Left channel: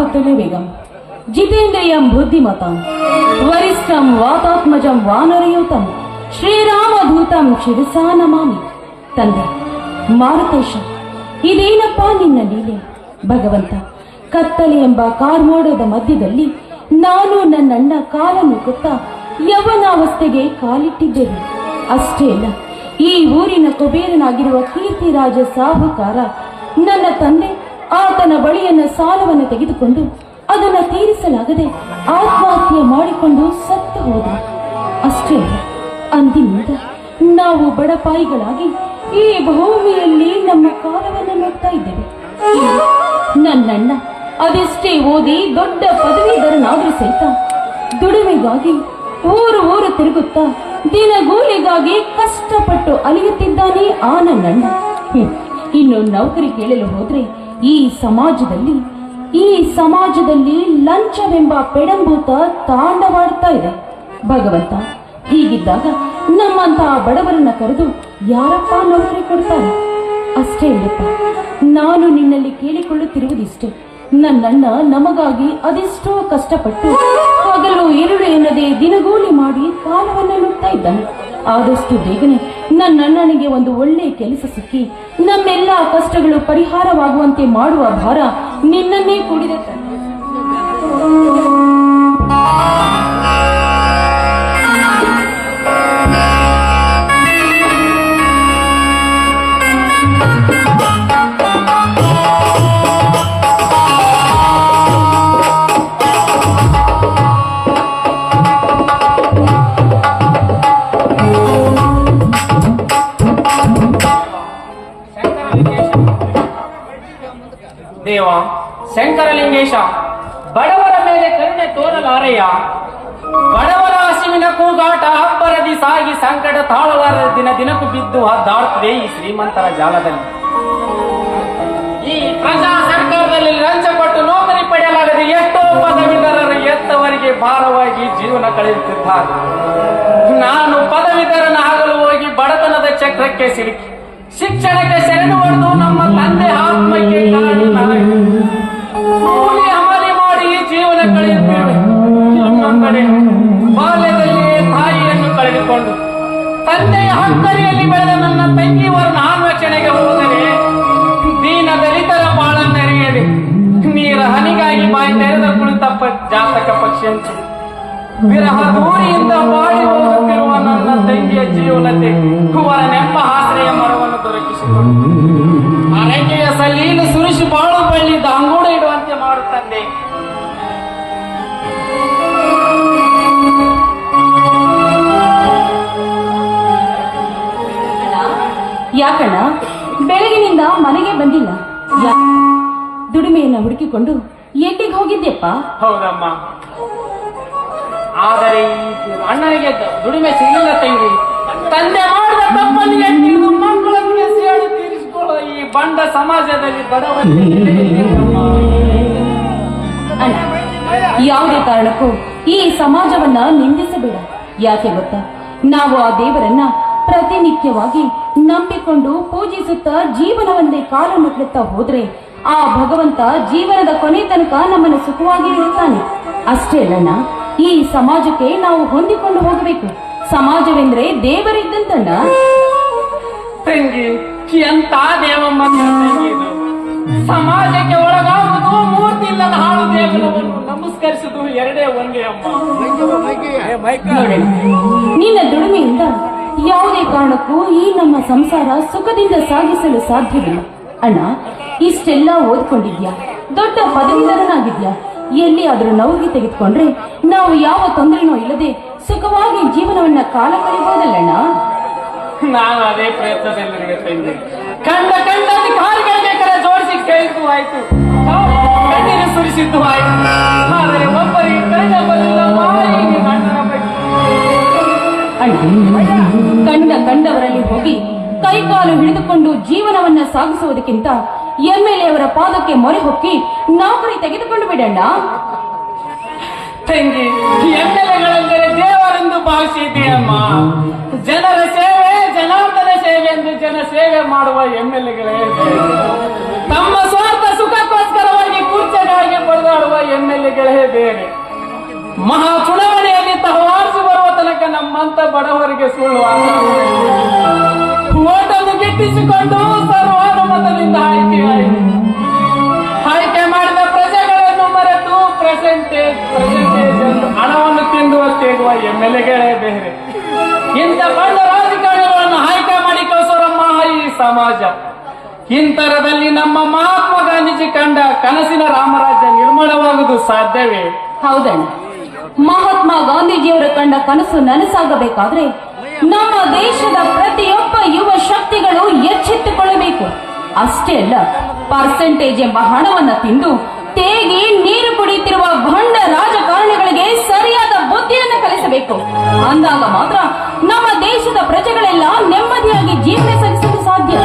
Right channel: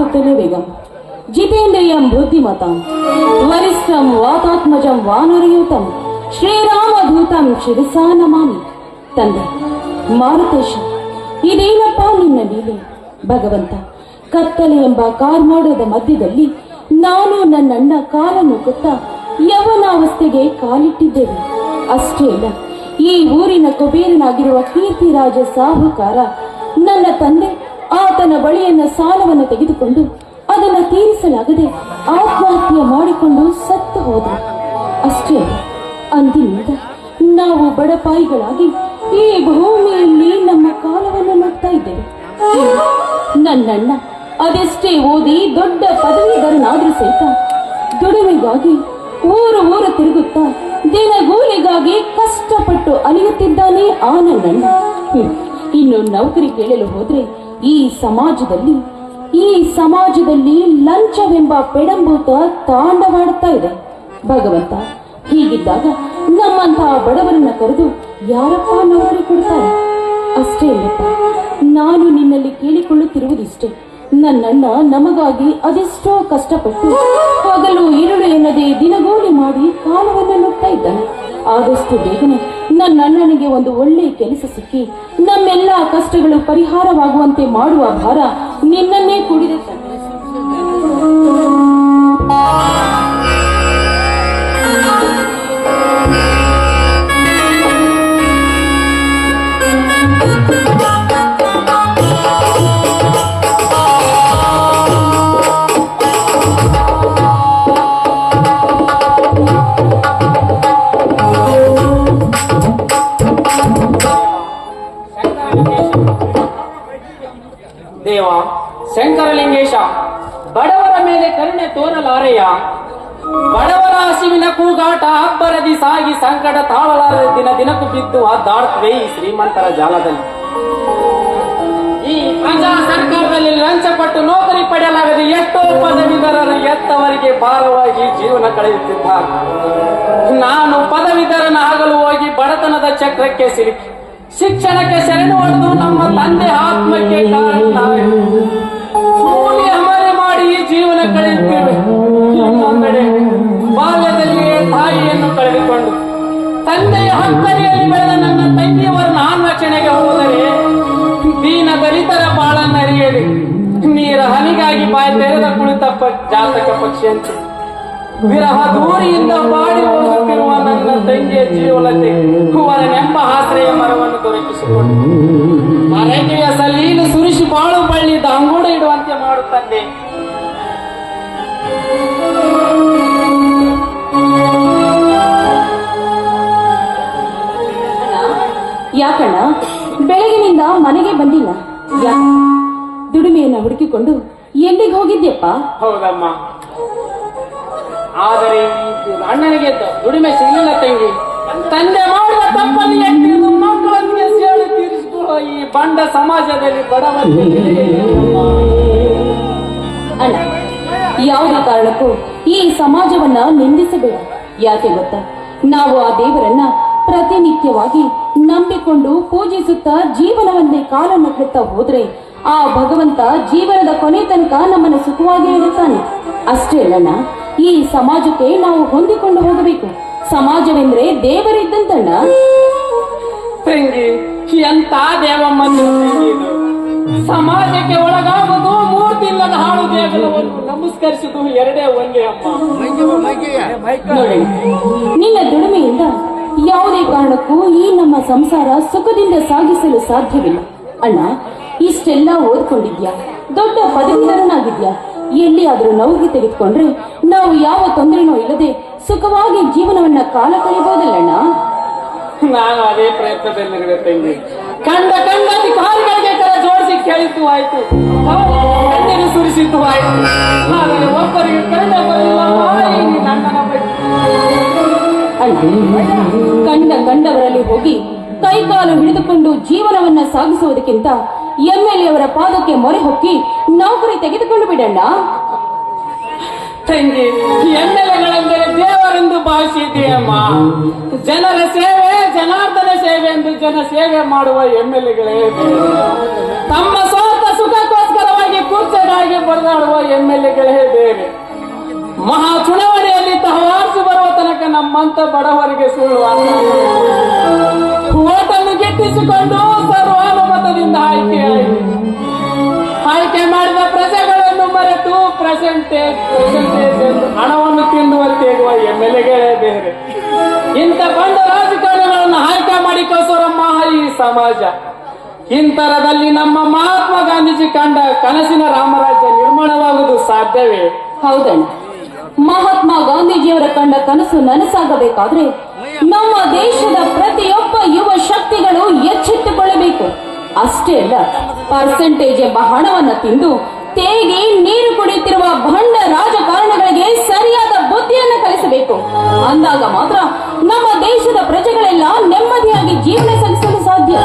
ಆಸಕ್ತನೇ ಬೇಗಂ ಜಿತೇಂದ್ರಿಯಂ ಬುದ್ಧಿಮತಂ ವರಿಷ್ಠಂ ವಾತಾತ್ಮಜಂ ಶ್ರೀರಾಮ ಶ್ರೀರಾಮಭೂತಂ ಶಿರಸಾ ನಮಾಮಿ ತಂದೆ ಮಾರುತೇಶ ಇದೇನಪ್ಪ ನಿನ್ನ ಲೀಲೆ ಭಗವಂತ ಕತ್ತಲೆ ಎಂಬ ಮಾಡೋದ ಮಧ್ಯದಲ್ಲಿ ನಾನು ನನ್ನಣ್ಣ ಕಾರನ್ನು ಕೊತ್ತ ಯವನಾವಸ್ಥೆಗೆ ಕಾಲಿಟ್ಟಿದ್ದೇವೆ ಅಷ್ಟೇ ಅಲ್ಲ ಈ ಊರಿನ ಕುಬೇರನಾಗಿರುವ ಕೀರ್ತಿರಾಜ ಸಾಹುಕಾರ ನನ್ನ ತಂದೆ ತನ್ನ ಬಳಿಯನ್ನ ಸಾಲವನ್ನು ತೆಗೆದುಕೊಂಡು ಅದನ್ನ ತೀರಿಸಲಾಗದೆ ಆತ್ಮಹತ್ಯೆ ಮಾಡಿಕೊಂಡು ಸತ್ತು ಹೋದ ಅಷ್ಟೇ ಅಂದಿನಿಂದ ನಾವು ಬಡಪಾಯಿಗಳಾಗಿ ಈ ಭೂಮಿಯಲ್ಲಿ ನಮ್ಮ ಕಾಲವನ್ನು ನೋಡ್ತಾ ಇದ್ದೇವೆ ನನ್ನಣ್ಣ ಅದೆಷ್ಟೇ ಓದಿ ದೊಡ್ಡ ಪದವೀಧರನಾದ್ರೂ ಸಹಿತ ದುಡಿಮೆಗಾಗಿ ಊರು ಊರು ತಿರುಗುತ್ತಾ ದಿನಗೂಲಿಗಾಗಿ ಕಷ್ಟಪಟ್ಟು ಅಲಿಯುತ್ತಿದ್ದಾನೆ ಆ ನನ್ನಣ್ಣ ಇನ್ನು ನೌಕರಿ ಕೇಳಲು ಹೋದ್ರೆ ಈ ಸಮಾಜದಲ್ಲಿ ಈ ಸಮಾಜದಲ್ಲಿ ಲಂಚವೆಂಬ ಪೆಡಂಬೂತ ತಾಂಡವಾಡ್ತಾ ಇದೆ ಭಗವಂತ ಹೀಗಿದ್ದಾಗ ನಮ್ಮಂತಹ ಬಡವರನ್ನ ಕರೆದು ಯಾರಪ್ಪ ನೌಕರಿ ಕೊಡ್ತಾರೆ ಅಷ್ಟೇ ಇಲ್ಲಪ್ಪ ನಾನು ನಿನ್ನಲ್ಲಿ ಕೇಳಿಕೊಳ್ಳುತ್ತಿರುವುದಿಷ್ಟು ನನ್ನನ್ನ ನಮಗಾಗಿ ಅದೆಷ್ಟೋ ಕಷ್ಟಪಟ್ಟು ಹಗಲು ಇರುಳು ಎನ್ನದೆ ದಿನಗೂಲಿ ಮಾಡಿ ಕಾಲವನ್ನು ನುಗ್ತಾ ಇದ್ದಾನೆ ಆದಷ್ಟು ಬೇಗನೆ ನನ್ನ ಒಂದು ಒಳ್ಳೆ ಕೆಲಸ ಸಿಕ್ಕಿ ನಮ್ಮೆಲ್ಲ ಕಷ್ಟಗಳು ಪರಿಹಾರವಾಗುವಂತೆ ಮಾಡುವ ಭಾರ ನಿನ್ನನ್ನೇ ಕುಡಿದ ದೇವ ಶಂಕರಲಿಂಗೇಶ ಬಡವರ ಮೇಲೆ ಕರುಣೆ ತೋರಲಾರಯ್ಯ ಬಡವರ ಹಸಿವಿನ ಕೂಗಾಟ ಅಬ್ಬರದಿ ಸಾಗಿ ಸಂಕಟ ತಾಳಲಾರದ ದಿನ ದಿನಕ್ಕೂ ಬಿದ್ದು ದಾಡ್ತದೆ ಈ ಶ್ರೀಮಂತರ ಜಾಲದಲ್ಲಿ ಈ ಪ್ರಜಾ ಸರ್ಕಾರದಲ್ಲಿ ಲಂಚ ಕೊಟ್ಟು ನೋಕರಿ ಪಡೆಯಲಾಗದೆ ಎಷ್ಟೋ ಪದವೀಧರರು ಎತ್ತವರಿಗೆ ಭಾರವಾಗಿ ಜೀವನ ಕಳೆಯುತ್ತಿದ್ದಾರೆ ನಾನು ಪದವೀಧರನ ಆಗಲು ಹೋಗಿ ಬಡತನದ ಚಕ್ರಕ್ಕೆ ಸಿಲುಕಿ ಶಿಕ್ಷಣಕ್ಕೆ ಸೆರೆನು ಹೊಡೆದು ನಮ್ಮ ತಂದೆ ಆತ್ಮಕ್ಕೆ ಕಾರಣ ಬಾಲ್ಯದಲ್ಲಿಯೇ ತಾಯಿಯನ್ನು ಕಳೆದುಕೊಂಡು ತಂದೆಯ ಹಂತರಿಯಲ್ಲಿ ಬೆಳೆದ ನನ್ನ ತಂಗಿಯವರು ನಾನು ರಕ್ಷಣೆಗೆ ಹೋದರೆ ದೀನ ದಲಿತರ ಬಾಳನ್ನರಿಯಲಿ ನೀರ ಹನಿಗಾಗಿ ಬಾಯಿ ತೆರೆದ ಕುಳಿತ ಜಾತಕ ಪಕ್ಷಿಯಂತೆ ವಿರಹ ದೂರಿಯಿಂದ ಬಾಡಿ ಹೋಗುತ್ತಿರುವ ನನ್ನ ತಂಗಿಯ ಜೀವನತೆ ಕುವರ ನೆಂಪ ಆಶ್ರಯ ಮರವನ್ನು ದೊರಕಿಸಿಕೊಂಡು ಆ ಸಲೀನು ಸುರಿಸಿ ಬಾಳು ಬಳ್ಳಿ ದಾಂಗೂಡ ಇಡುವಂತೆ ಮಾಡುತ್ತಂದೆ ಕಾಕಣ್ಣ ಬೆಳಗಿನಿಂದ ಮನೆಗೆ ಬಂದಿಲ್ಲ ದುಡಿಮೆಯನ್ನ ಹುಡುಕಿಕೊಂಡು ಎಲ್ಲಿಗೆ ಹೋಗಿದ್ಯಪ್ಪ ಹೌದಮ್ಮ ಆದರೆ ಅಣ್ಣನಿಗೆ ದುಡಿಮೆ ಸಿಗಲಿಲ್ಲ ತಂಗಿ ತಂದೆ ಮಾಡಿದ ಈ ಬಂಡ ಸಮಾಜದಲ್ಲಿ ಯಾವುದೇ ಕಾರಣಕ್ಕೂ ಈ ಸಮಾಜವನ್ನ ನಿಂದಿಸಬೇಡ ಯಾಕೆ ಗೊತ್ತಾ ನಾವು ಆ ದೇವರನ್ನ ಪ್ರತಿನಿತ್ಯವಾಗಿ ನಂಬಿಕೊಂಡು ಪೂಜಿಸುತ್ತಾ ಜೀವನವನ್ನೇ ಕಾಲ ಮಟ್ಲುತ್ತಾ ಹೋದ್ರೆ ಆ ಭಗವಂತ ಜೀವನದ ಕೊನೆ ತನಕ ನಮ್ಮನ್ನು ಸುಖವಾಗಿ ಇರುತ್ತಾನೆ ಅಷ್ಟೇ ಅಲ್ಲ ಈ ಸಮಾಜಕ್ಕೆ ನಾವು ಹೊಂದಿಕೊಂಡು ಹೋಗಬೇಕು ಸಮಾಜವೆಂದ್ರೆ ದೇವರಿದ್ದಂತಣ್ಣ ಸಮಾಜಕ್ಕೆ ಒಳಗಾಗುವುದು ಮೂರ್ತಿ ಇಲ್ಲದ ಹಾಳು ನಮಸ್ಕರಿಸುವುದು ಎರಡೇ ಒಂದೇ ಅಪ್ಪ ನಿನ್ನ ದುಡಿಮೆಯಿಂದ ಯಾವುದೇ ಕಾರಣಕ್ಕೂ ಈ ನಮ್ಮ ಸಂಸಾರ ಸುಖದಿಂದ ಸಾಗಿಸಲು ಸಾಧ್ಯವಿಲ್ಲ ಅಣ್ಣ ಇಷ್ಟೆಲ್ಲ ಓದ್ಕೊಂಡಿದ್ಯಾ ದೊಡ್ಡ ಎಲ್ಲಿ ಆದ್ರೂ ನೋವಿಗೆ ತೆಗೆದುಕೊಂಡ್ರೆ ನಾವು ಯಾವ ತೊಂದರೆನೂ ಇಲ್ಲದೆ ಸುಖವಾಗಿ ಜೀವನವನ್ನ ಕಾಲ ಕಳೆಯಬಹುದಲ್ಲಣ್ಣ ನಾನು ಅದೇ ಪ್ರಯತ್ನದಲ್ಲಿ ಒಬ್ಬರಿಗೆ ಕಂಡ ಕಂಡವರಲ್ಲಿ ಹೋಗಿ ಕೈಕಾಲು ಹಿಡಿದುಕೊಂಡು ಜೀವನವನ್ನ ಸಾಗಿಸುವುದಕ್ಕಿಂತ ಎಂಎಲ್ಎ ಎ ಅವರ ಪಾದಕ್ಕೆ ಮೊರೆ ಹೊಕ್ಕಿ ನೌಕರಿ ತೆಗೆದುಕೊಂಡು ಬಿಡಣ್ಣ ತಂಗಿ ಎಂ ಎಲ್ ದೇವರೆಂದು ಅಮ್ಮ ಜನರ ಸೇವೆ ಜನಾರ್ದನ ಸೇವೆ ಎಂದು ಜನ ಸೇವೆ ಮಾಡುವ ಎಂ ಎಲ್ ತಮ್ಮ ಸ್ವಾರ್ಥ ಸುಖಕ್ಕೋಸ್ಕರವಾಗಿ ಕೂರ್ಚೆಗಾಗಿ ಬರೆದಾಡುವ ಎಂಎಲ್ಎಗಳೇ ಬೇರೆ ಮಹಾ ಚುನಾವಣೆಯಲ್ಲಿ ತಹವಾ ತನಕ ನಮ್ಮಂತ ಬಡವರಿಗೆ ಸುಳ್ಳು ಓಟನ್ನು ಗಿಟ್ಟಿಸಿಕೊಂಡು ಸರ್ವಾನುಮತದಿಂದ ಆಯ್ಕೆ ಆಯ್ಕೆ ಮಾಡಿದ ಪ್ರಜೆಗಳನ್ನು ಮರೆತು ಪ್ರೆಸೆಂಟೇಜ್ ಹಣವನ್ನು ತಿನ್ನುವಂತೆ ಇರುವ ಎಂ ಎಲ್ ಎಗಳೇ ಬೇರೆ ಇಂಥ ಬಂಡ ರಾಜಕಾರಣಿಗಳನ್ನು ಆಯ್ಕೆ ಮಾಡಿ ಕಸರಮ್ಮ ಈ ಸಮಾಜ ಇಂತರದಲ್ಲಿ ನಮ್ಮ ಮಹಾತ್ಮ ಗಾಂಧೀಜಿ ಕಂಡ ಕನಸಿನ ರಾಮರಾಜ್ಯ ನಿರ್ಮಾಣವಾಗುವುದು ಸಾಧ್ಯವೇ ಹೌದಣ್ಣ ಮಹಾತ್ಮ ಗಾಂಧೀಜಿಯವರ ಕಂಡ ಕನಸು ನನಸಾಗಬೇಕಾದ್ರೆ ನಮ್ಮ ದೇಶದ ಪ್ರತಿಯೊಬ್ಬ ಯುವ ಶಕ್ತಿಗಳು ಎಚ್ಚೆತ್ತುಕೊಳ್ಳಬೇಕು ಅಷ್ಟೇ ಅಲ್ಲ ಪರ್ಸೆಂಟೇಜ್ ಎಂಬ ಹಣವನ್ನ ತಿಂದು ತೇಗಿ ನೀರು ಕುಡಿಯುತ್ತಿರುವ ಭಂಡ ರಾಜಕಾರಣಿಗಳಿಗೆ ಸರಿಯಾದ ಬುದ್ಧಿಯನ್ನು ಕಲಿಸಬೇಕು ಅಂದಾಗ ಮಾತ್ರ ನಮ್ಮ ದೇಶದ ಪ್ರಜೆಗಳೆಲ್ಲ ನೆಮ್ಮದಿಯಾಗಿ ಜೀವನ ಸಲ್ಲಿಸಲು ಸಾಧ್ಯ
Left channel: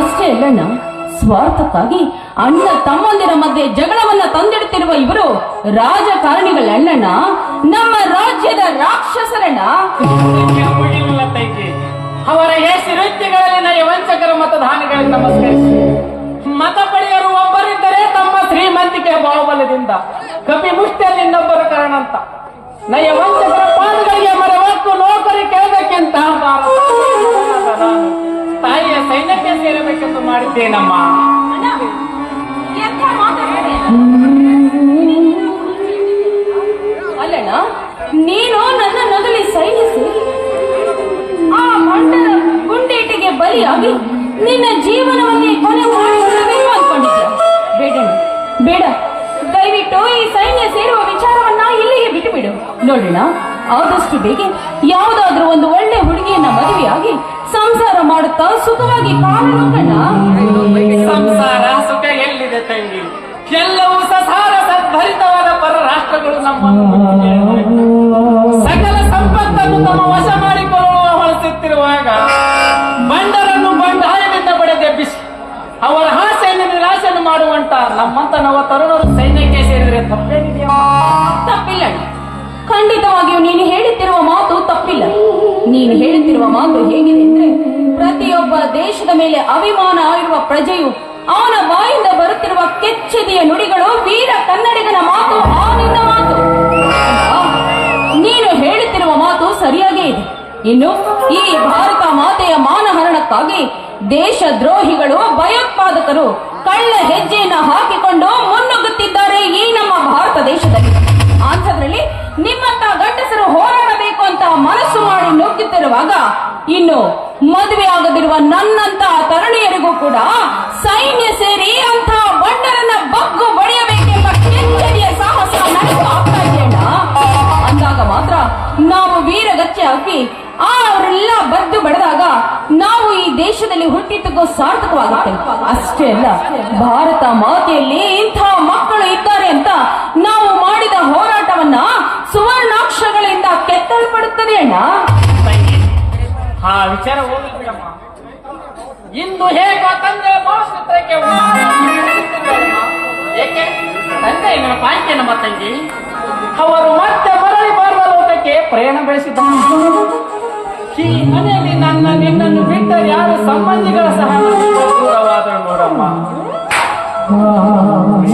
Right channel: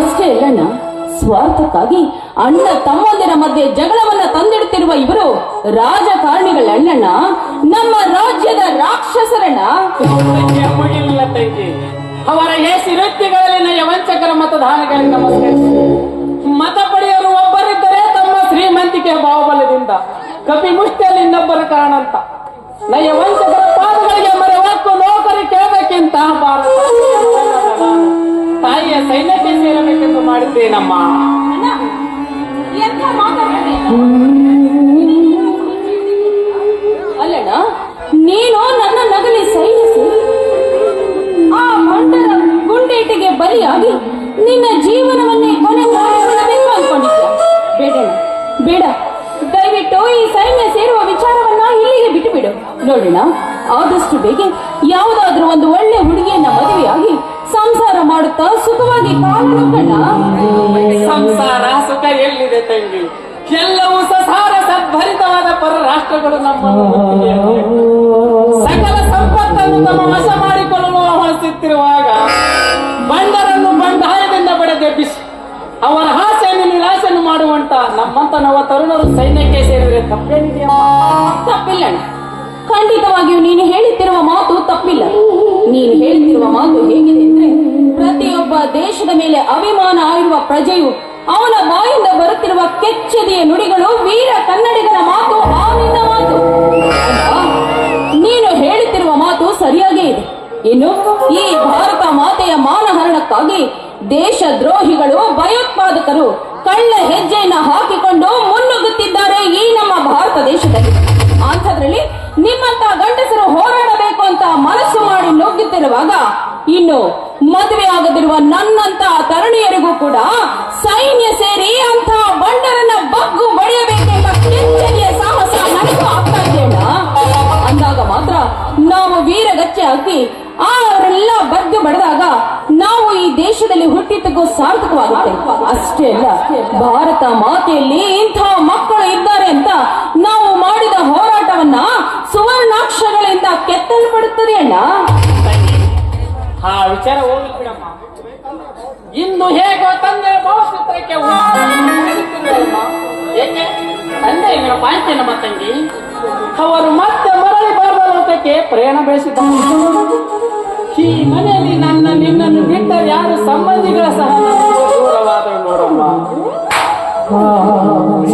ಅಷ್ಟೇ ಅಲ್ಲಣ್ಣ ಸ್ವಾರ್ಥಕ್ಕಾಗಿ ಅಣ್ಣ ತಮ್ಮಂದಿರ ಮಧ್ಯೆ ಜಗಳವನ್ನ ತಂದಿಡುತ್ತಿರುವ ಇವರು ಅಣ್ಣಣ್ಣ ನಮ್ಮ ರಾಜ್ಯದ ರಾಕ್ಷಸರಣ್ಣ ಅವರ ಹೆಸಿರುತ್ತಿಗಳಲ್ಲಿನ ವಂಚಕರ ಮತದಾನಗಳಿಗೆ ನಮಸ್ಕರಿಸಿ ಮತ ಪಡೆಯರು ಒಬ್ಬರಿದ್ದರೆ ತಮ್ಮ ಶ್ರೀಮಂತಿಕೆ ಬಾಹುಬಲದಿಂದ ಕಪಿ ಮುಷ್ಟಿಯಲ್ಲಿ ಇನ್ನೊಬ್ಬರು ಕಾರಣ ಅಂತ ನಯ ವಂಚಕರ ಪಾದಗಳಿಗೆ ನೋಡ್ತಾರೆ ಕೇಳಬೇಕೆಂತ மாட்டேனம்மா ನವ ತರುಣರು ಸೈನ್ಯಕ್ಕೆ ಸೇರಿದರೆ ತಪ್ಪಿಲ್ಲ ಖಂಡಿತವಾಗಿಯೂ ನೀನು ಹೇಳುತ್ತಿರುವ ಮಾತು ತಪ್ಪಿಲ್ಲ ನೀನು ಹೇಳುತ್ತಿರುವ ಮಾತು ಹೇಗಿದೆ ಪ್ರತಿಯೊಬ್ಬ ದೇಶದ ಮೇಲೆ ಅಭಿಮಾನ ಆಗಿರುವ ಪ್ರಜೆಯು ಅವನ ಬಾಯಿಂದ ಬರುತ್ತಿರುವ ಕೆಚ್ಚದಿಯ ನುಡಿಗಳು ವೀರ ಕನ್ನಡಿಗನ ಮಾತು ಮಾತು ನೀನು ಹೇಳುತ್ತಿರುವ ಮಾತು ಸರಿಯಾಗೇ ಇದೆ ಇನ್ನು ಈ ಭಾರತ ಮಾತೆಯ ಮಾನಹರಣಕ್ಕಾಗಿ ದೇಶ ದ್ರೋಹಿಗಳು ಭಯೋತ್ಪಾದಕರು ಕಳ್ಳ ಹೆಜ್ಜೆಯನ್ನು ಹಾಕಿಕೊಂಡು ಮುನ್ನುಗ್ಗುತ್ತಿದ್ದಾರೆ ಈ ನಮ್ಮ ಭಾರತ ದೇಶದಲ್ಲಿ ಅಂಥದ್ರಲ್ಲಿ ನಿಮ್ಮಂತ ಗಂಡಸರು ಹೋರಾಡಬೇಕು ಅಂತ ಮನಸ್ಸು ಮಾಡಿ ನುಗ್ಗುತ್ತಿರುವಾಗ ಇನ್ನು ಮದುವೆ ಆಗದಿರುವ ನನ್ನಂತ ತರುಣಿಯರಿಗೂ ಕೂಡ ಸೈನ್ಯ ಸೇರಿ ಅಂತ ಅಷ್ಟೇ ಅಲ್ಲ ಭಾರತ ಮಾತೆಯಲ್ಲಿ ಇಂಥ ಮಕ್ಕಳು ಇದ್ದಾರೆ ಅಂತ ನಾವು ಮಾಡಿದ ಹೋರಾಟವನ್ನ ಸುವರ್ಣಾಕ್ಷರಗಳಿಂದ ಕೆತ್ತಲ್ಪಡುತ್ತದೆ ಅಣ್ಣ ಆ ವಿಚಾರ ಇಂದು ಹೇಗೋ ತಂದೆ ಭಾವಚಿತ್ರಕ್ಕೆ ಏಕೆ ತಂದೆ ಬಾಂಕೆ ನಮ್ಮ ತಂಗಿ ಅವರು ಮತ್ತೆ ಮರಳಿ ಬಾರದ ಪ್ರೇರಣ ಬೆಳೆಸಿದ ಈ ಮನೆಯಲ್ಲಿ ನನ್ನ ನಿನ್ನನ್ನು ಬಿಟ್ಟ ಯಾರು ಸಂಬಂಧಿಗಳ ಸಹ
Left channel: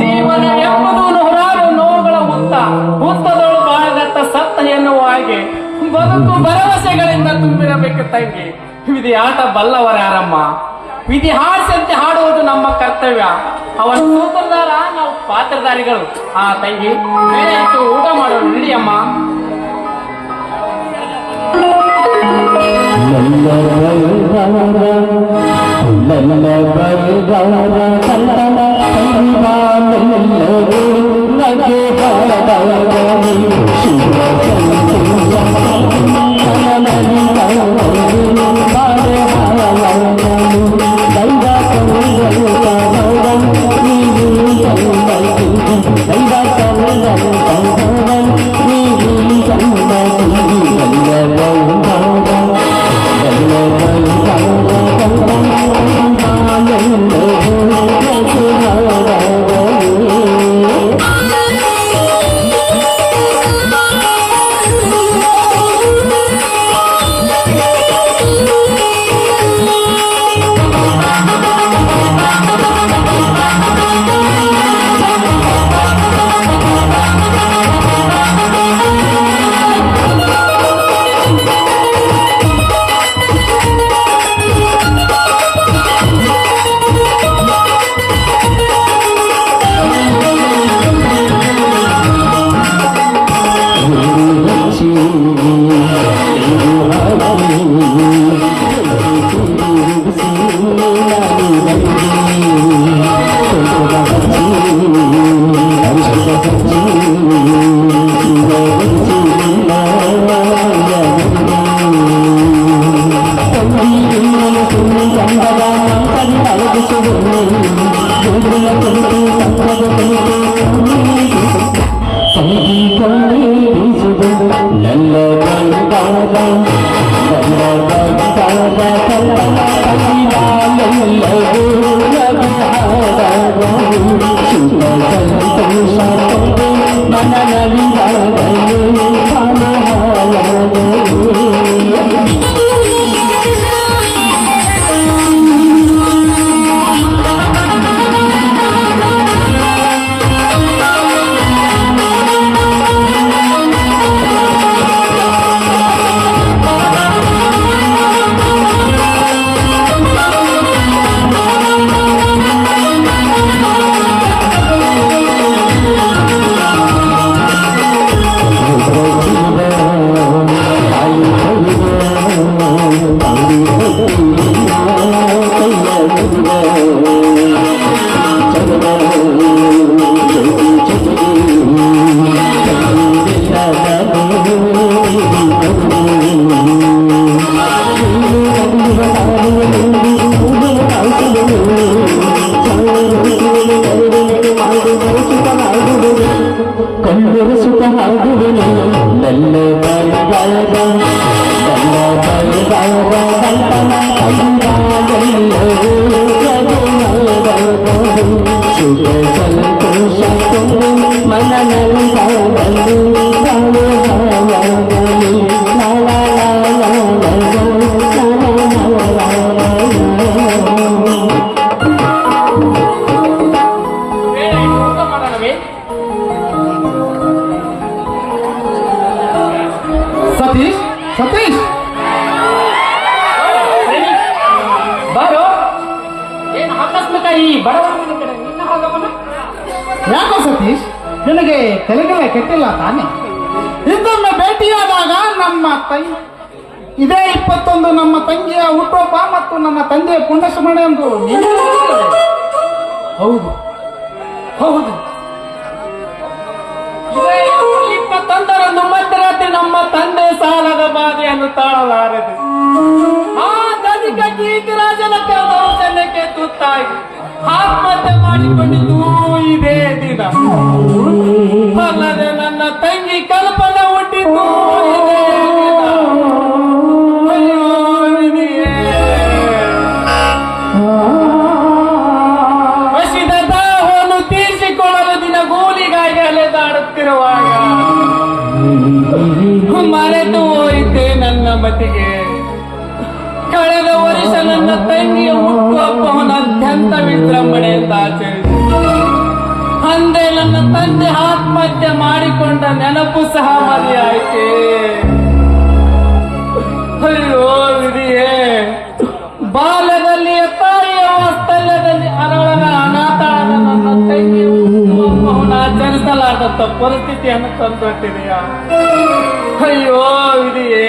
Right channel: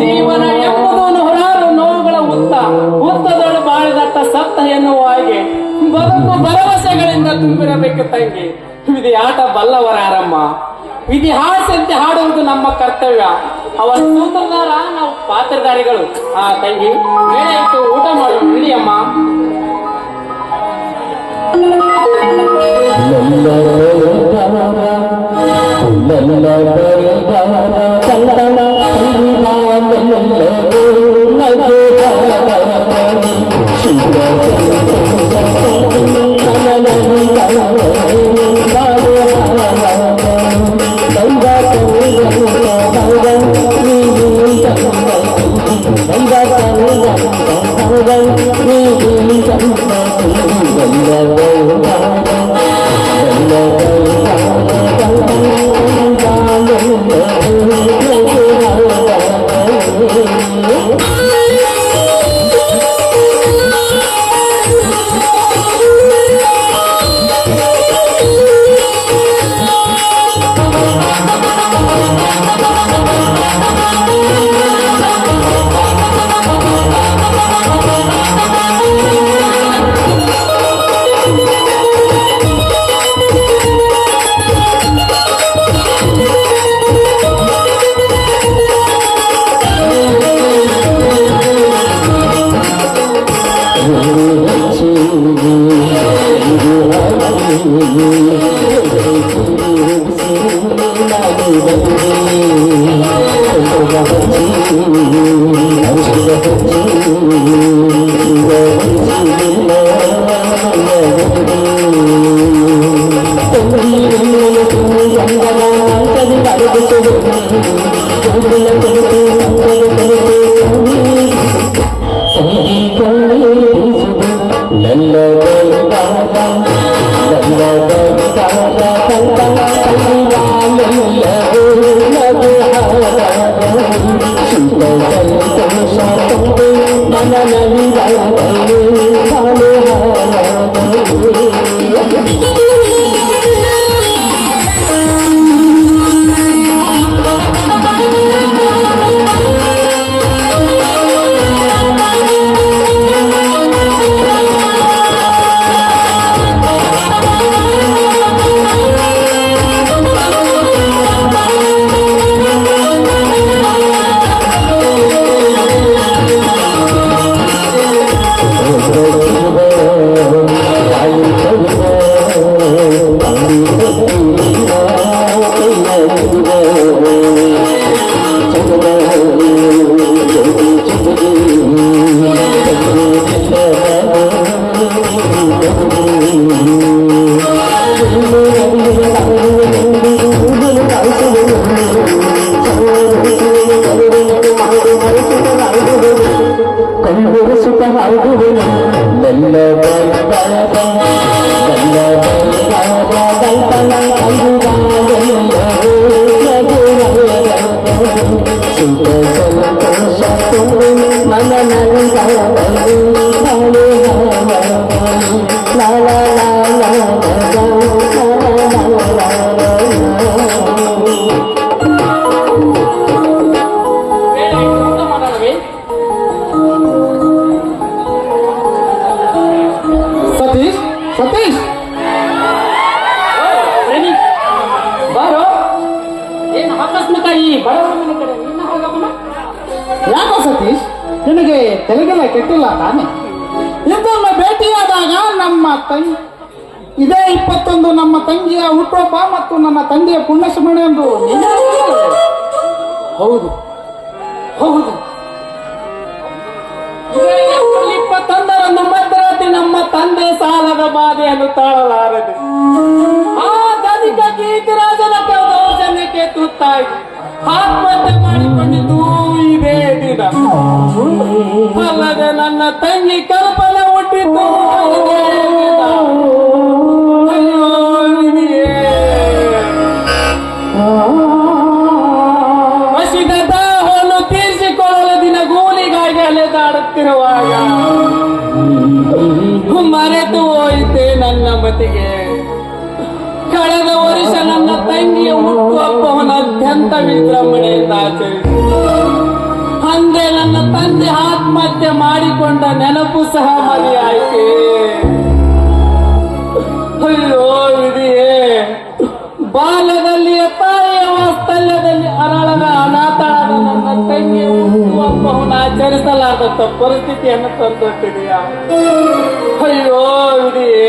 ಜೀವನ ಎಂಬುದು ನೂರಾರು ನೋವುಗಳ ಉತ್ತ ಉತ್ತದಳು ಬಾಳಗತ್ತ ಸತ್ತ ಎನ್ನುವ ಹಾಗೆ ಬದುಕು ಭರವಸೆಗಳಿಂದ ತುಂಬಿರಬೇಕು ತಂಗಿ ವಿಧಿ ಆಟ ಬಲ್ಲವರ ಯಾರಮ್ಮ ಹಾಡಿಸಂತೆ ಹಾಡುವುದು ನಮ್ಮ ಕರ್ತವ್ಯ ಅವರ ಸೂತ್ರದಾರ ನಾವು ಪಾತ್ರಧಾರಿಗಳು ಆ ತಂಗಿ ಇಟ್ಟು ಊಟ ಮಾಡೋಣ ನಡಿಯಮ್ಮ ಅಮ್ಮ మెల్ల బరుదార కల్పన కల్పా మెల్ల గురునగే పరదారని శుభ Oh, చంద్రబాబు అందరూ అడుగుతూ ತಲೆಗೆಲ್ಲ ಕೆಟ್ಟಿಲ್ಲ ತಾನೆ ಇದನ್ನು ಭೇಟಿಯಾದಾಗ ನಮ್ಮ ತಂಗಿ ಇದೇ ಇಪ್ಪತ್ತೊಂದು ನಮ್ಮ ತಂಗಿಯ ಹುಟ್ಟಪ್ಪ ಮತ್ತು ನಮ್ಮ ತಂದೆಯ ಪುಣ್ಯಸ್ಮರಣೆ ಎಂದು ಹೌದು ಹೌದು ಇಪ್ಪತ್ತೊಂದರಂದು ನಮ್ಮ ತಂದೆ ಸಾಲದ ಬಾಧೆಯನ್ನು ತಾಳಲಾರದು ಆ ತನಿಖಾ ಕೀರ್ತಿರಾಜನ ಕೆಲವು ಜನಕ್ಕೆ ತುತ್ತಾಗಿ ಆತ್ಮಹತ್ಯೆ ಮಾಡಿಕೊಂಡಿದ್ದು ಇದೆ ದಿನ ಅಲ್ಲದೆ ನನ್ನ ತಂಗಿ ಕಲ್ಪನೆ ಹುಟ್ಟಿದ್ದು ಇದೇ ವಸಿದ ದಾಹವನ್ನು ತೀರಿಸಿಕೊಳ್ಳಲು ದಿನ ಗೂಲಿಗಾಗಿ ಅಲೆದಾಡುತ್ತಿರುವಾಗ ಮರೆತು ಹೋಯಿತೆ ನನ್ನ ಮತಿಗೆ ಕಳೆದ ವರ್ಷ ನನ್ನ ತಂಗಿಯ ಹುಟ್ಟು ಹಬ್ಬವನ್ನು ಅತ್ಯಂತ ವಿಜೃಂಭಣೆಯಿಂದ ಆಚರಿಸು ಅಂದೆ ನನ್ನ ತಂದೆ ಆತ್ಮಹತ್ಯೆ ಮಾಡಿಕೊಂಡ ನೆನಪು ಸಹ ಮರೆಯಾಯ್ತೆ ಅಯ್ಯೋ ವಿಧಿಯೇ ಬಾಲದಲ್ಲಿ ತಾಯಿಯ ಸ್ಥಳದಲ್ಲಿ ಅರಳನ ಅನಾಥ ನನ್ನ ತಂಗಿಯ ಹುಟ್ಟುಹಬ್ಬವನ್ನು ಆಚರಿಸಲಾದಂತ ಪರಿಸ್ಥಿತಿಯನ್ನು ತಂದೊಟ್ಟಿದೆಯಾ ಅಯ್ಯೋ ವಿಧಿಯೇ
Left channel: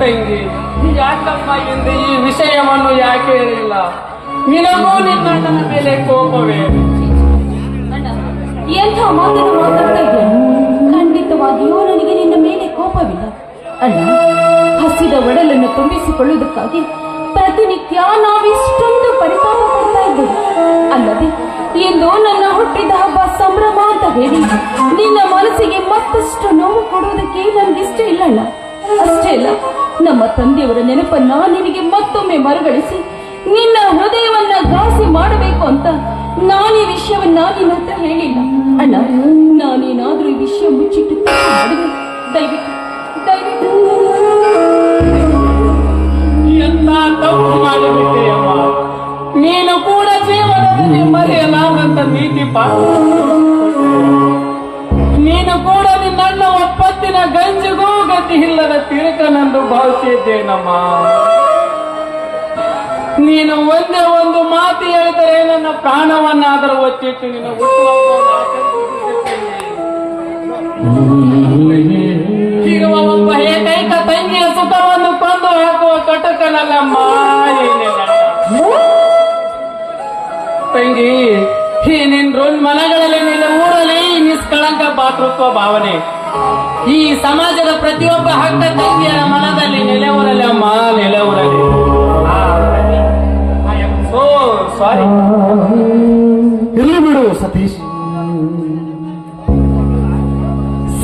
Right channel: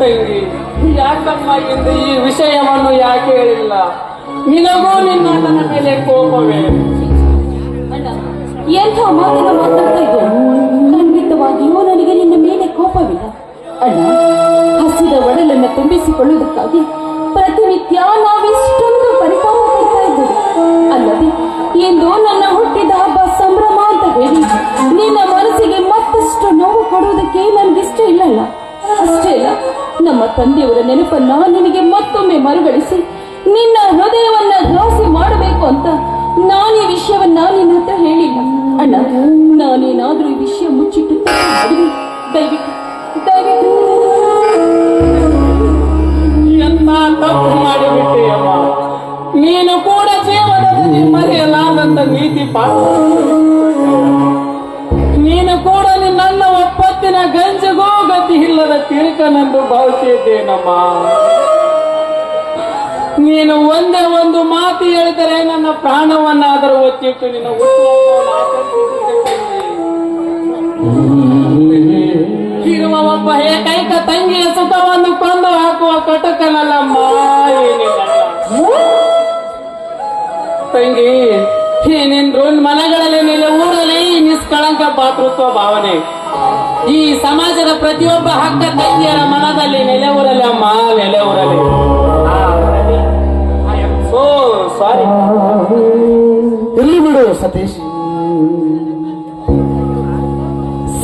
ತಂಗಿ ಯಾಕಮ್ಮ ಎಂದು ಈ ವಿಷಯವನ್ನು ಯಾಕೆ ಹೇಳಿಲ್ಲ ನಿನಗೂ ನಿನ್ನ ನನ್ನ ಮೇಲೆ ಕೋಪವೇ ಎಂಥ ಮಾತನ್ನು ಮಾತಾಡ್ತಾ ಖಂಡಿತವಾಗಿಯೂ ನನಗೆ ನಿನ್ನ ಮೇಲೆ ಕೋಪವಿಲ್ಲ ಅಣ್ಣ ಹಸಿದ ಒಡಲನ್ನು ತುಂಬಿಸಿಕೊಳ್ಳುವುದಕ್ಕಾಗಿ ಪ್ರತಿನಿತ್ಯ ನಾವೆಷ್ಟೊಂದು ಪರಿಪಾಲ ಮಾಡ್ತಾ ಇದ್ದೆ ಅಲ್ಲದೆ ಇಂದು ನನ್ನ ಹುಟ್ಟಿದ ಹಬ್ಬ ಸಂಭ್ರಮ ಅಂತ ಹೇಳಿ ನಿನ್ನ ಮನಸ್ಸಿಗೆ ಮತ್ತಷ್ಟು ನೋವು ಕೊಡುವುದಕ್ಕೆ ನನಗಿಷ್ಟ ಇಲ್ಲಣ್ಣ ಅಷ್ಟೇ ಇಲ್ಲ ನಮ್ಮ ತಂದೆಯವರ ನೆನಪನ್ನ ನಿನಗೆ ಮತ್ತೊಮ್ಮೆ ಮರುಗಳಿಸಿ ನಿನ್ನ ಹೃದಯವನ್ನ ದಾಸಿ ಮಾಡಬೇಕು ಅಂತ ನಾನು ಈ ವಿಷಯವನ್ನ ನಿನ್ನ ಹತ್ರ ಹೇಳಿಲ್ಲ ಅಣ್ಣ ನಾನೇನಾದ್ರೂ ಈ ವಿಷಯ ಮುಚ್ಚಿಟ್ಟು ಮಾಡಿದೆ ದಯವಿಟ್ಟು ದಯವಿಟ್ಟು ಭಾವಿಸಿದ್ದೇನಮ್ಮ ನೀನು ಒಂದೇ ಒಂದು ಮಾತು ಹೇಳಿದರೆ ನನ್ನ ಪ್ರಾಣವನ್ನಾದರೂ ಒತ್ತಿಟ್ಟು ನೀನು ಒಬ್ಬ ಏಕೈಕ ತಂಗಿಯ ಸುಖವನ್ನು ಕೊಂದು ಹಾಕುವ ಕಟುಕನಲ್ಲಮ್ಮ ತಂಗಿ ಈ ನಿನ್ ಮನೆಗಳಲ್ಲಿ ನೆಲೆ ಊರಲ್ಲಿ ನಿಷ್ಕಳಂಕ ಪಾತ್ರತ್ವ ಭಾವನೆ ಈ ಸಮಾಜದ ಪ್ರತಿಯೊಬ್ಬ ಹಕ್ಕ ತಂಗಿಯರ ಮನದಲ್ಲಿ ನೆಲೆಯೂರಲಿ ಅಮ್ಮ ನೆಲೆವರಲ್ಲಿ ಸೋ ಸಾರಿ ಎಲ್ಲಿ ಬಿಡು ಸತೀಶ್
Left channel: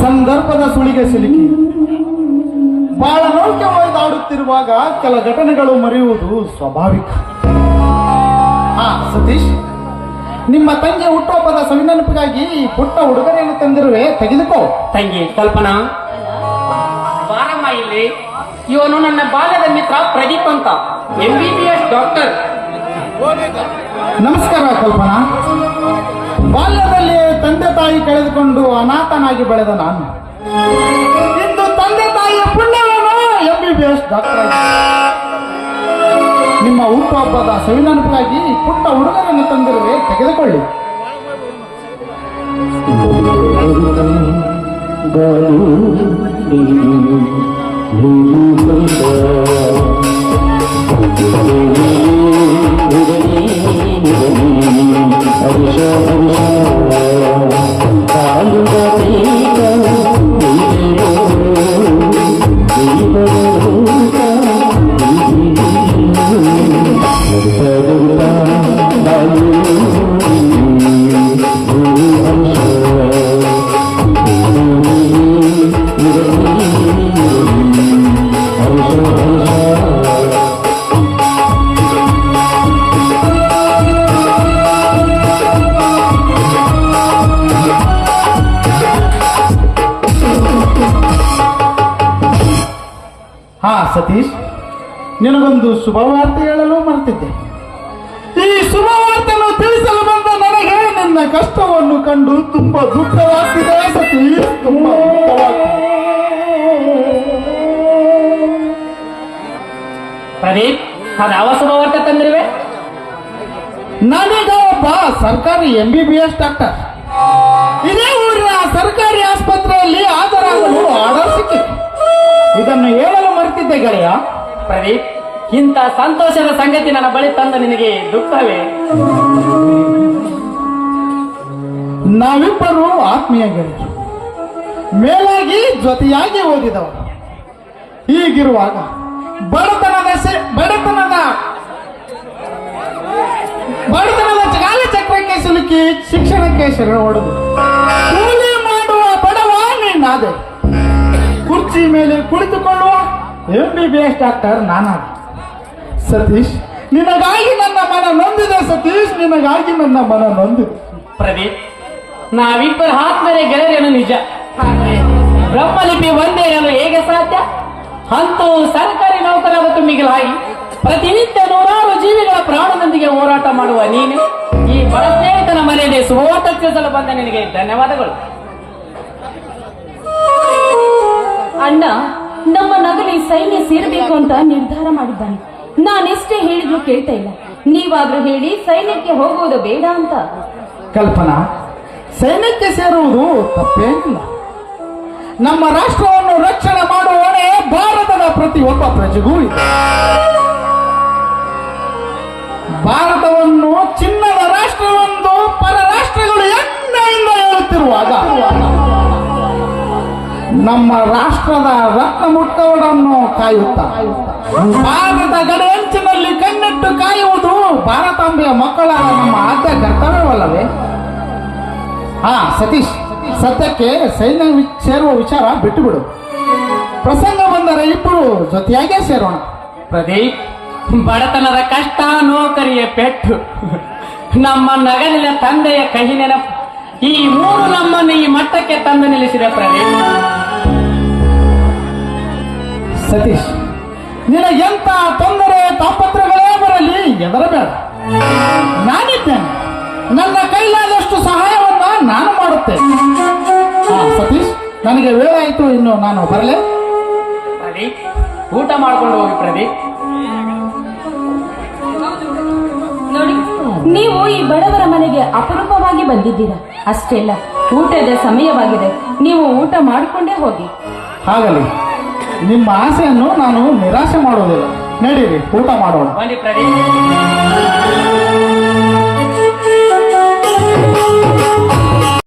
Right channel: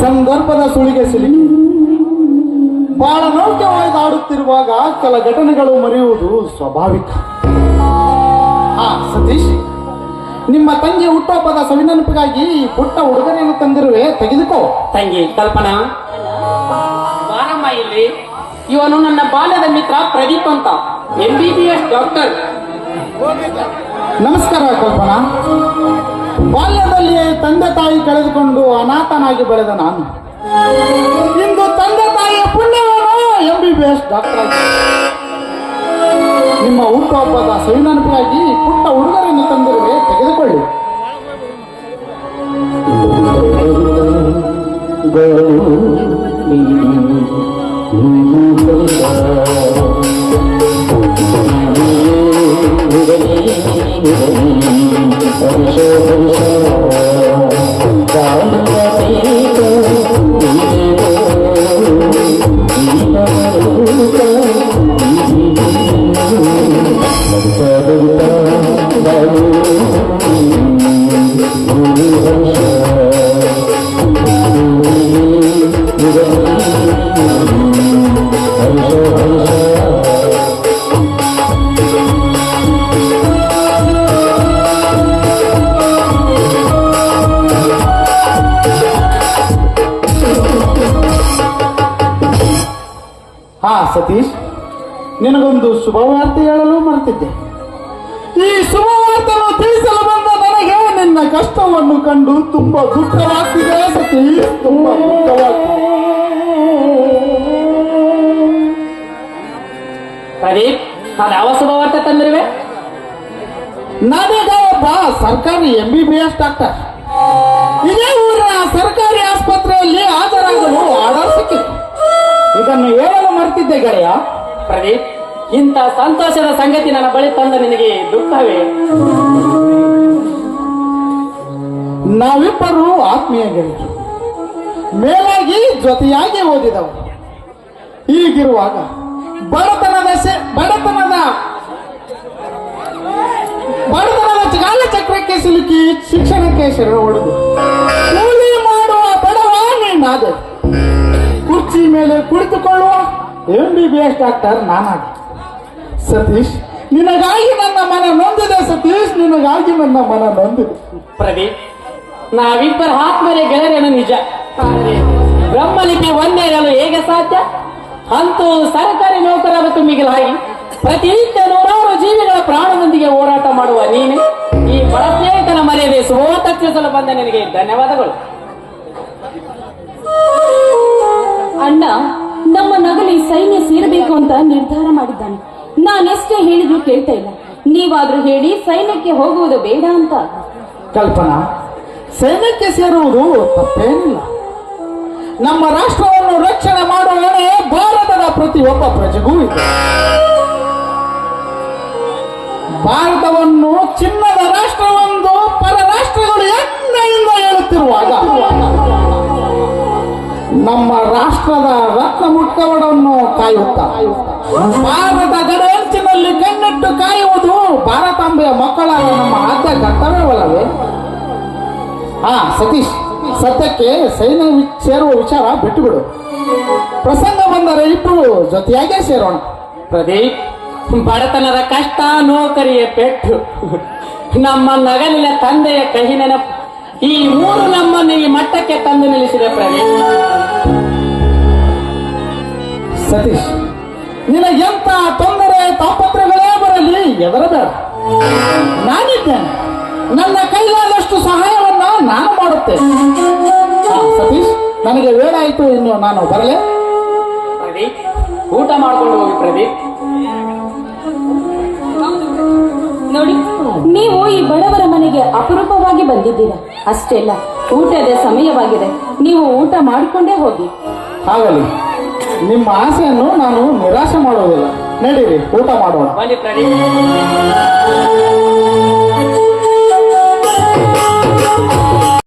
ಸಂದರ್ಭದ ಸುಳಿಗೆ ಸಿಲುಕಿ ಬಹಳ ಆಡುತ್ತಿರುವಾಗ ಕೆಲ ಘಟನೆಗಳು ಮರೆಯುವುದು ಸ್ವಾಭಾವಿಕ ಹಾ ಸತೀಶ್ ನಿಮ್ಮ ತಂಗಿ ಹುಟ್ಟುಹಬ್ಬದ ಸವಿನೆನಪಿಗಾಗಿ ಪುಟ್ಟ ಉಡುಗೊರೆಯನ್ನು ತಂದಿರುವೆ ತೆಗೆದುಕೋ ತಂಗಿ ಕಲ್ಪನಾ ಬಾರಮ್ಮ ಇಲ್ಲಿ ಇವನು ನನ್ನ ಬಾಲ್ಯದ ಮಿತ್ರ ಪ್ರದೀಪ್ ಅಂತ ಎಂಬಿಬಿಎಸ್ ಡಾಕ್ಟರ್ ನಮಸ್ಕಾರ ಕಲ್ಪನಾ ಬಾಲ್ಯದಲ್ಲಿ ತಂದೆ ತಾಯಿ ಕಳೆದುಕೊಂಡು ಅನಾಥನಾಗಿ ಬೆಳೆದ ನಾನು ಇಂದು ತಂದೆ ತಾಯಿ ಪುಣ್ಯವನ್ನು ಎಂಬಿಬಿಎಸ್ ಡಾಕ್ಟರ್ ನಿಮ್ಮ ಹುಟ್ಟುಹಬ್ಬದ ಸವಿನೆನಪಿಗಾಗಿ ಪುಟ್ಟ ಉಡುಗೊರೆಯನ್ನು ತಂದಿರುವೆ ತೆಗೆದುಕೊಳ್ಳಿ ಸತೀಶ್ ನಿನಗೊಂದು ಶುಭವಾರ್ತೆ ಹೇಳಲು ಮರೆತಿದ್ದೆ ಈ ಶುಭವಾರ್ತೆಯನ್ನು ತಿಳಿಸಲು ಬಂದ ನನಗೆ ನಿನ್ನ ಕಷ್ಟವನ್ನು ಕಂಡು ತುಂಬಾ ದುಃಖವಾಗ್ತಿದೆ ಸತೀಶ್ ತುಂಬಾ ನಾನು ಯಾವ ಶುಭವಾರ್ತೆ ತಂದಿರುವೆ ನನಗೆ ಒಬ್ಬ ಸರ್ಕಾರಿ M B B S doctor ಇದೇ ಊರಿನ ಸರ್ಕಾರಿ ಆಸ್ಪತ್ರೆಯಲ್ಲಿ ಹಾಜರಾಗಲು ಆರ್ಡರ್ ಸಿಕ್ಕಿತ್ತು ಇದನ್ನು ಹೇಳ ನೋಡ್ತಿದ್ದೆ ಗೆಳೆಯ ಪ್ರದೀಪ್ ಇಂಥ ಸಂತೋಷದ ಸಂಗತಿ ನನ್ನ ಬಳಿ ತಂದ ನಿನಗೆ ದುಃಖವೇ ನಾವಿಬ್ಬರು ಆತ್ಮೀಯ ಗೆಳೆಯರು ಮೇಲಾಗಿ ಜೊತೆಯಾಗಿ ಓದಿದವರು ಈಗಿರುವಾಗ ಬಡತನದ ಬಡತನದ ಬಡತನದ ಜಾಲ ಚಕ್ರಕ್ಕೆ ಸಿಲುಕಿ ಶಿಕ್ಷಣಕ್ಕೆ ಶರಣ ಹೊಡೆದು ಕೂಲಿ ಮಾಡುವ ಬಡವಾಗಿ ನೀನಾದೆ ಕುರ್ಚಿ ಮೇಲೆ ಕುಳಿತುಕೊಂಡು M B B S doctor ನಾನಾಗ Satish ನಿನಗಾಗಿ ನನ್ನ ಮನ ನೊಂದಿದೆ ಸತೀಶ್ ನಿನಗಾಗಿ ನನ್ನ ಮನ ನೊಂದು ಪ್ರದೀಪ್ ನಾವಿಬ್ಬರ ಆತ್ಮರೆ ಗೆಳೆಯರೇನು ನಿಜ ಬ್ರಹ್ಮಲಿಪಿ ಒಂದೇ ಇರಲು ಹೇಗೆ ಸಾಧ್ಯ ಅಂತೂ ಸರ್ಕಾರಿ ನೌಕರರಕ್ಕೂ ಮಿಗಿಲಾಗಿ ಪ್ರತಿನಿತ್ಯ ನೂರಾರು ಜೀವಿಗಳ ಪ್ರಾಣದೊಂದಿಗೆ ಹೋರಾಟ ಮಾಡುವ ನೀನೆ ಈ ಬರಸ್ನೇಹಿತನ ಮನೆಯಲ್ಲಿ ಸುವೋತಕ್ಷಿಸಲು ಬಂದ ನಿನಗೆ ಧನ್ಯವಾದಗಳು ಅಣ್ಣ ನಮ್ಮ ನಗಲಿ ಸೈನ್ಯ ಸೇರಬೇಕು ಅಂತ ನಿರ್ಧಾರ ಮಾಡಿದ್ದಾನೆ ನಾನೆಷ್ಟೇ ಹೇಳಿದ್ರು ಕೇಳ್ತಾ ಇಲ್ಲ ನೀವಾದ್ರೂ ಹೇಳಿ ಸೈನ್ಯಕ್ಕೆ ಹೋಗುವುದು ಬೇಡ ಅಂತ ಕಲ್ಪನಾ ಸೈನ್ಯಕ್ಕೆ ಸೇರುವುದು ತಪ್ಪೇನಿಲ್ಲ ನಮ್ಮ ರಾಷ್ಟ್ರವನ್ನು ರಕ್ಷಣೆ ಮಾಡುವ ಭಾರತದ ಪ್ರತಿಯೊಬ್ಬ ಪ್ರಜೆಗೂ ಇದೆ ಭಾರತವನ್ನು ಚಿನ್ನದ ರಾಷ್ಟ್ರವೆಂದು ಪರ ರಾಷ್ಟ್ರಗಳು ಹೇಳುತ್ತಿರುವಾಗ ನಮ್ಮ ರಾಷ್ಟ್ರದ ರಕ್ತ ಮುಟ್ಟವನ್ನು ಭಾರತದ ಭಾರತ ಗಡಿಯಂಚಿನಲ್ಲಿ ಕಣ್ಣಿಟ್ಟು ಕಾಯುವುದು ಭಾರತಾಂಬೆಯ ಮಕ್ಕಳ ನಮ್ಮ ಆದ್ಯ ಕರ್ತವ್ಯವಲ್ಲವೇ ಹಾ ಸತೀಶ್ ಸತ್ಯಕ್ಕೆ ಸೈನ್ಯ ಸೇರುವ ವಿಚಾರ ಬಿಟ್ಟು ಬಿಡು ಪ್ರಸಂಗ ಬಂದರೆ ಇಬ್ಬರು ಜೊತೆಯಾಗೆ ಸೇರೋಣ ಪ್ರದೀಪ್ ಬಡತನದ ಕಷ್ಟ ನೌಕರಿಯ ಪೆಟ್ಟು ನಮ್ಮ ನಗಲಿನ ತಂದೆಯ ಕಹಿ ಈ ಮೂರು ನಮ್ಮನ್ನು ಈ ಮಟ್ಟಕ್ಕೆ ತಂದು ನಿಲ್ಲಿಸಿದ ಪ್ರದೀಪ್ ಸತೀಶ್ ನಿನ್ನ ಎಂತ ತೊಂದರೆ ತಾಪತ್ರಗಳೇ ಬರಲಿ ಎದರಬೇಡ ನಾನಿದ್ದೇನೆ ನನ್ನ ಕೈಲಾದಷ್ಟು ಸಹಾಯವನ್ನ ನಾನು ಮಾಡುತ್ತೆ ಸತೀಶ್ ನನಗೆ ವೇಳೆ ಆಯ್ತು ಇನ್ನು ನಾನು ಬರಲೇ ಊಟ ಮಾಡ್ಕೊಂಡು ಹೋಗಿ ಪ್ರದೀಪ್ ನೋಡಿ ನೀವು ಈ ಬಡವರ ಮನೆಗೆ ಅಪರೂಪವಾಗಿ ಬಂದಿದ್ದೀರಾ ಅಷ್ಟೇ ಅಲ್ಲ ಊಟದ ಸಮಯವಾಗಿದೆ ನೀವು ಊಟ ಮಾಡಿಕೊಂಡೇ ಹೋಗಿ ಹಾಗಲ್ಲ ನಿಮ್ಮ ಆಸೆಯನ್ನು ನಾನು ನಿರಾಶೆ ಮಾಡೋದಿಲ್ಲ ನಡೀರಿ ಊಟ ಮಾಡೋಣ